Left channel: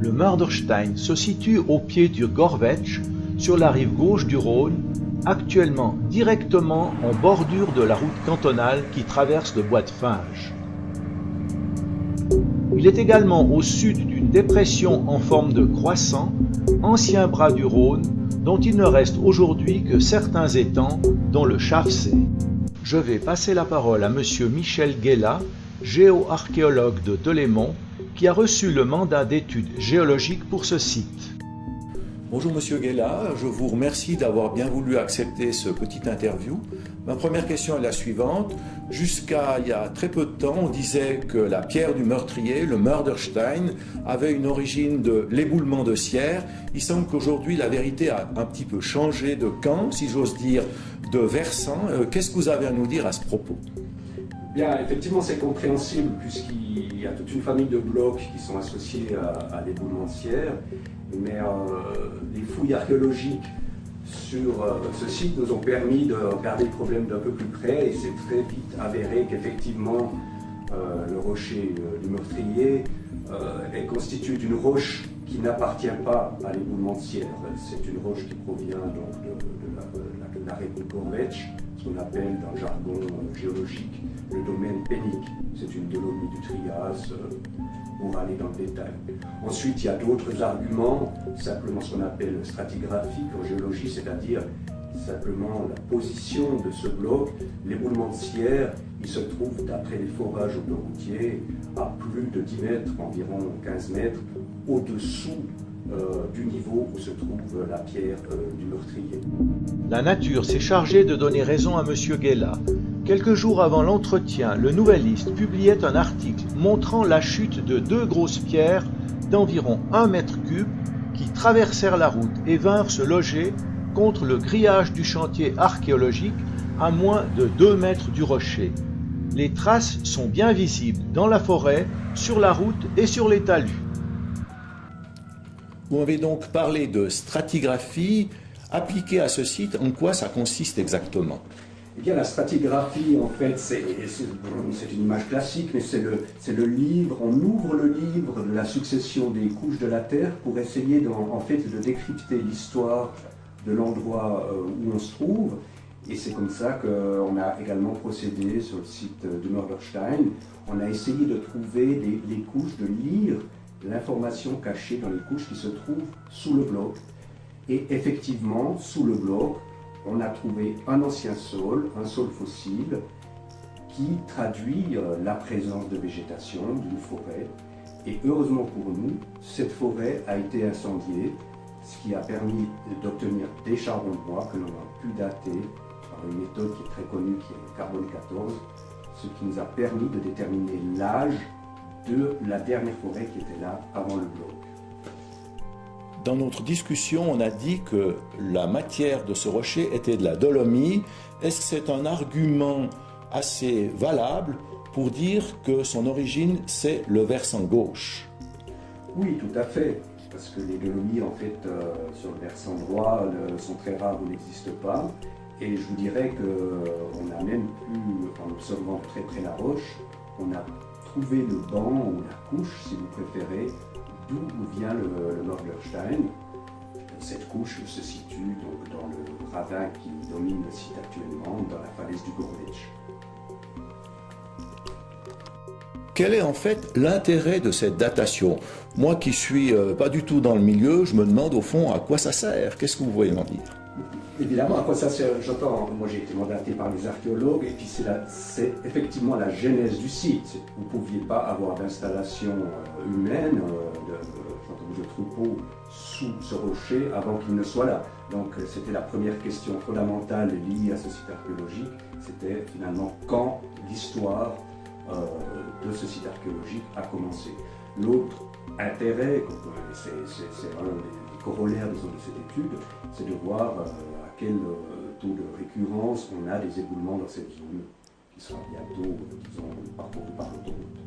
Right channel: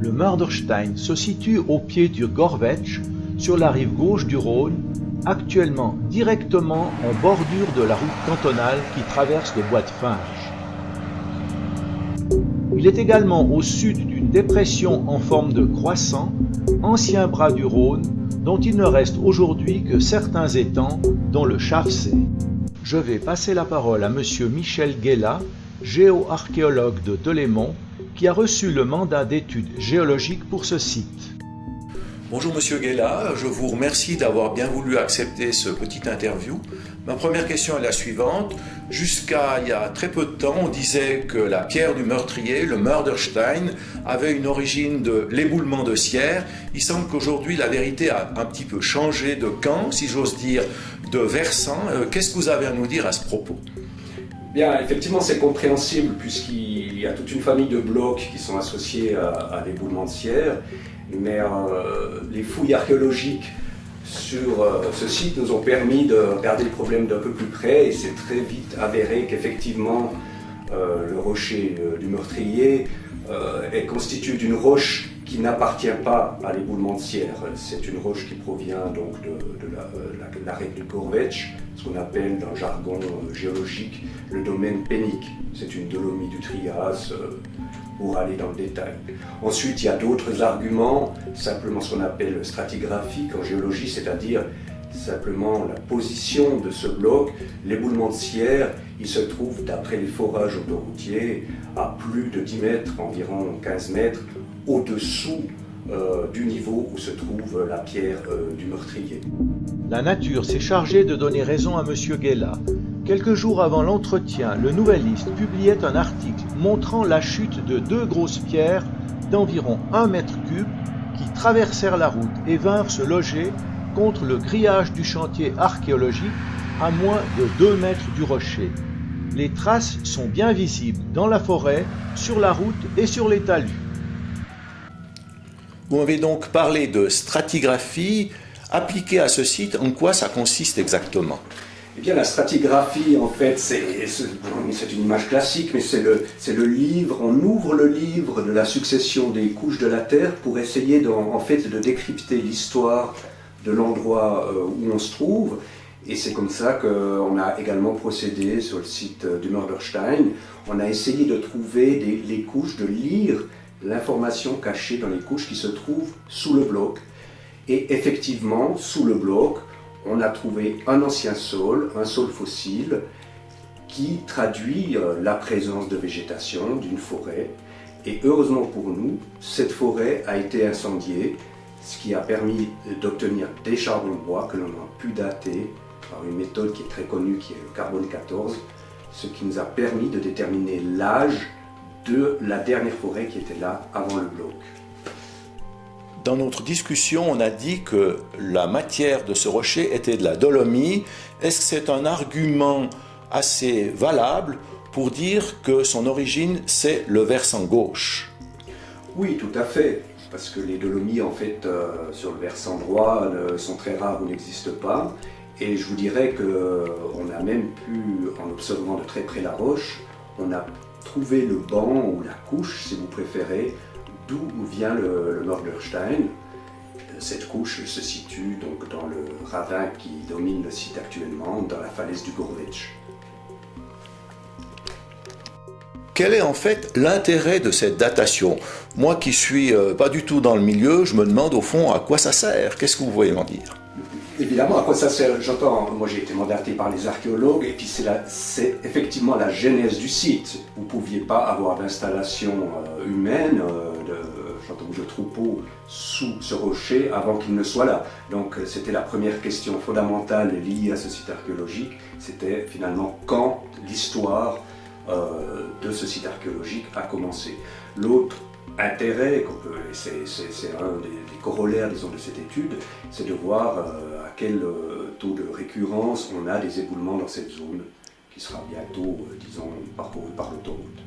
Le Mörderstein se situe au pied du Gorvetsch, sur la rive gauche du Rhône, actuellement directement en bordure de la route cantonale qui traverse le bois de Finges. Il est également au sud d'une dépression en forme de croissant, ancien bras du Rhône, dont il ne reste aujourd'hui que certains étangs, dont le Schafsee. Je vais passer la parole à monsieur Michel Guéla, géoarchéologue de Delémont, qui a reçu le mandat d'études géologiques pour ce site. Bonjour Monsieur Guéla, je vous remercie d'avoir bien voulu accepter ce petit interview. Ma première question est la suivante. Jusqu'à il y a très peu de temps, on disait que la pierre du meurtrier, le Mörderstein, avait une origine de l'éboulement de Sierre. Il semble qu'aujourd'hui la vérité a un petit peu changé de camp, si j'ose dire, de versant. Qu'est-ce que vous avez à nous dire à ce propos? Bien, effectivement, c'est compréhensible puisqu'il y a toute une famille de blocs qui sont associés à l'éboulement de Sierre, mais les fouilles archéologiques sur ce site nous ont permis de regarder le problème d'un peu plus près et c'est très vite avéré qu'effectivement le rocher du meurtrier est constitué d'une roche qui n'appartient pas à l'éboulement de Sierre. C'est une roche qui provient donc de l'arête du Gorvetsch, ce qu'on appelle dans le jargon géologique le domaine pénique. C'est une dolomie du Trias pour aller dans le détail. Ensuite, il y a d'autres arguments, simplement ce qu'on appelle stratigraphique en géologie, c'est-à-dire simplement la position de ce bloc. L'éboulement de Sierre, il se trouve, d'après les forages autoroutiers, à plus de 10 mètres, environ 15 mètres, au-dessous du niveau où se trouve la pierre du meurtrier. La nature s'est chargée de donner raison à monsieur Guéla. Quelques jours avant l'entretien, le Nouvelliste publiait un article montrant la chute de deux grosses pierres d'environ 1 mètre cube qui traversèrent la route et vinrent se loger contre le grillage du chantier archéologique à moins de 2 mètres du rocher. Les traces sont bien visibles dans la forêt, sur la route et sur les talus. Vous m'avez donc parlé de stratigraphie appliquée à ce site. En quoi ça consiste exactement? Eh bien, la stratigraphie, en fait, c'est une image classique, mais c'est le livre, on ouvre le livre de la succession des couches de la Terre pour essayer en fait, de décrypter l'histoire de l'endroit où on se trouve. Et c'est comme ça qu'on a également procédé sur le site du Mörderstein. On a essayé de trouver les couches, de lire l'information cachée dans les couches qui se trouvent sous le bloc. Et effectivement, sous le bloc, on a trouvé un ancien sol, un sol fossile, qui traduit la présence de végétation, d'une forêt. Et heureusement pour nous, cette forêt a été incendiée, ce qui a permis d'obtenir des charbons de bois que l'on a pu dater par une méthode qui est très connue, qui est le carbone 14, ce qui nous a permis de déterminer l'âge de la dernière forêt qui était là avant le bloc. Dans notre discussion, on a dit que la matière de ce rocher était de la dolomie. Est-ce que c'est un argument assez valable pour dire que son origine, c'est le versant gauche? Oui, tout à fait, parce que les dolomies, en fait, sur le versant droit, sont très rares ou n'existent pas. Et je vous dirais qu'on a même pu, en observant de très près la roche, on a trouvé le banc ou la couche, si vous préférez, d'où vient le Mörderstein. Cette couche se situe donc dans le ravin qui domine le site actuellement, dans la falaise du Gorvetsch. Quel est en fait l'intérêt de cette datation? Moi qui suis pas du tout dans le milieu, je me demande au fond à quoi ça sert. Qu'est-ce que vous voyez m'en dire? Évidemment, à quoi ça sert? J'entends, moi j'ai été mandaté par les archéologues et puis c'est effectivement la genèse du site. Vous ne pouviez pas avoir d'installation humaine, de troupeaux sous ce rocher avant qu'il ne soit là. Donc c'était la première question fondamentale liée à ce site archéologique, c'était finalement quand l'histoire de ce site archéologique a commencé. L'autre intérêt, c'est un des corollaires disons, de cette étude, c'est de voir à quel taux de récurrence on a des éboulements dans cette zone qui sera bientôt, disons, parcourue par l'autoroute.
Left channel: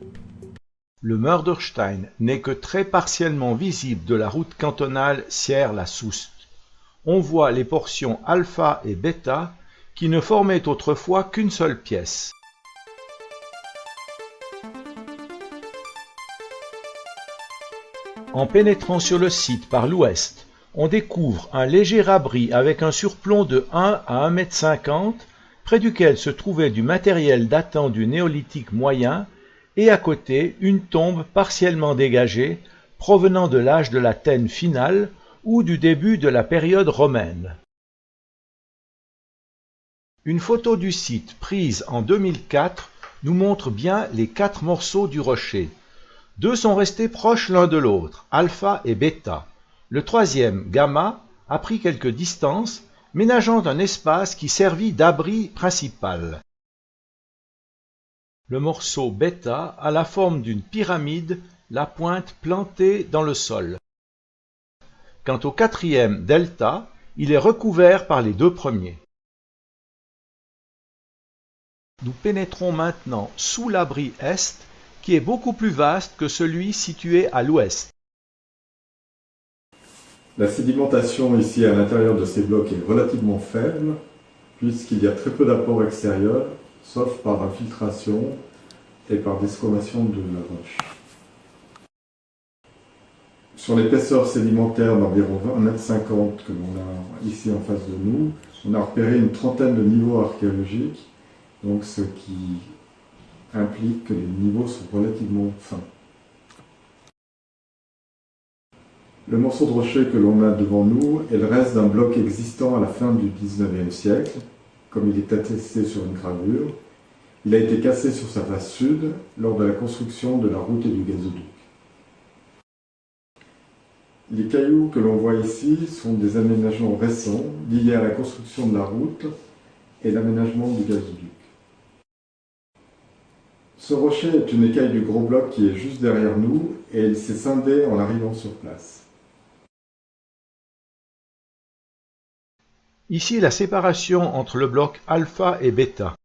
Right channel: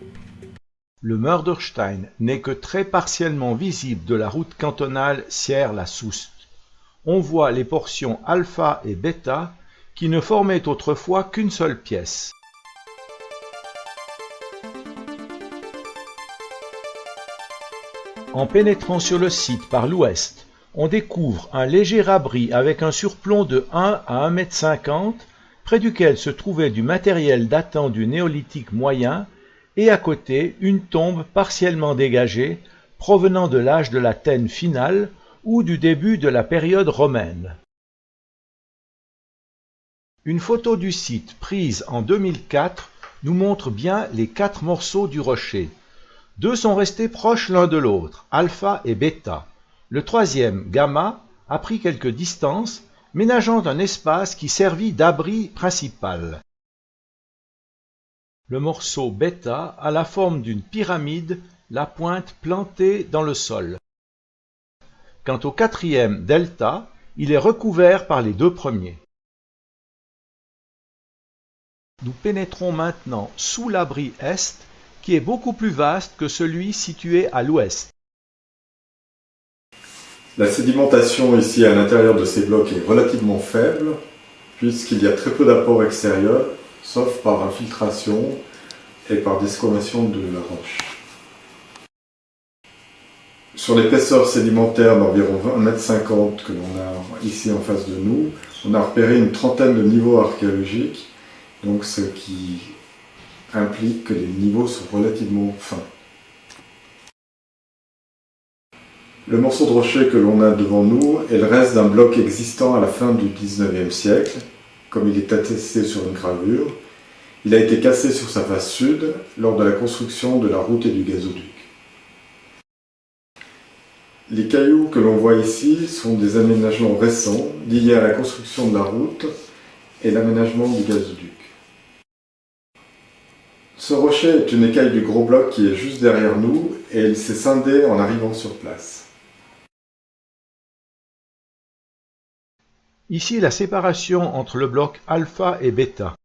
Le Mörderstein n'est que très partiellement visible de la route cantonale Sierre-la-Soust. On voit les portions alpha et bêta qui ne formaient autrefois qu'une seule pièce. En pénétrant sur le site par l'ouest, on découvre un léger abri avec un surplomb de 1 à 1,50 m, près duquel se trouvait du matériel datant du néolithique moyen, et à côté une tombe partiellement dégagée, provenant de l'âge de l'Athènes finale ou du début de la période romaine. Une photo du site prise en 2004 nous montre bien les 4 morceaux du rocher. 2 sont restés proches l'un de l'autre, alpha et bêta. Le troisième, gamma, a pris quelques distances, ménageant un espace qui servit d'abri principal. Le morceau bêta a la forme d'une pyramide, la pointe plantée dans le sol. Quant au quatrième, delta, il est recouvert par les 2 premiers. Nous pénétrons maintenant sous l'abri est, qui est beaucoup plus vaste que celui situé à l'ouest. La sédimentation ici à l'intérieur de ces blocs est relativement faible, puisqu'il y a très peu d'apports extérieurs, sauf par infiltration et par desquamation de la roche. Sur l'épaisseur sédimentaire d'environ 1,50 m que l'on a ici en face de nous, on a repéré une trentaine de niveaux archéologiques, donc ce qui implique que les niveaux sont relativement fins. Le morceau de rocher que l'on a devant nous est le reste d'un bloc existant à la fin du XIXe siècle, comme il est attesté sur une gravure. Il a été cassé sur sa face sud lors de la construction de la route et du gazoduc. Les cailloux que l'on voit ici sont des aménagements récents liés à la construction de la route et l'aménagement du gazoduc. Ce rocher est une écaille du gros bloc qui est juste derrière nous et il s'est scindé en arrivant sur place. Ici la séparation entre le bloc alpha et bêta.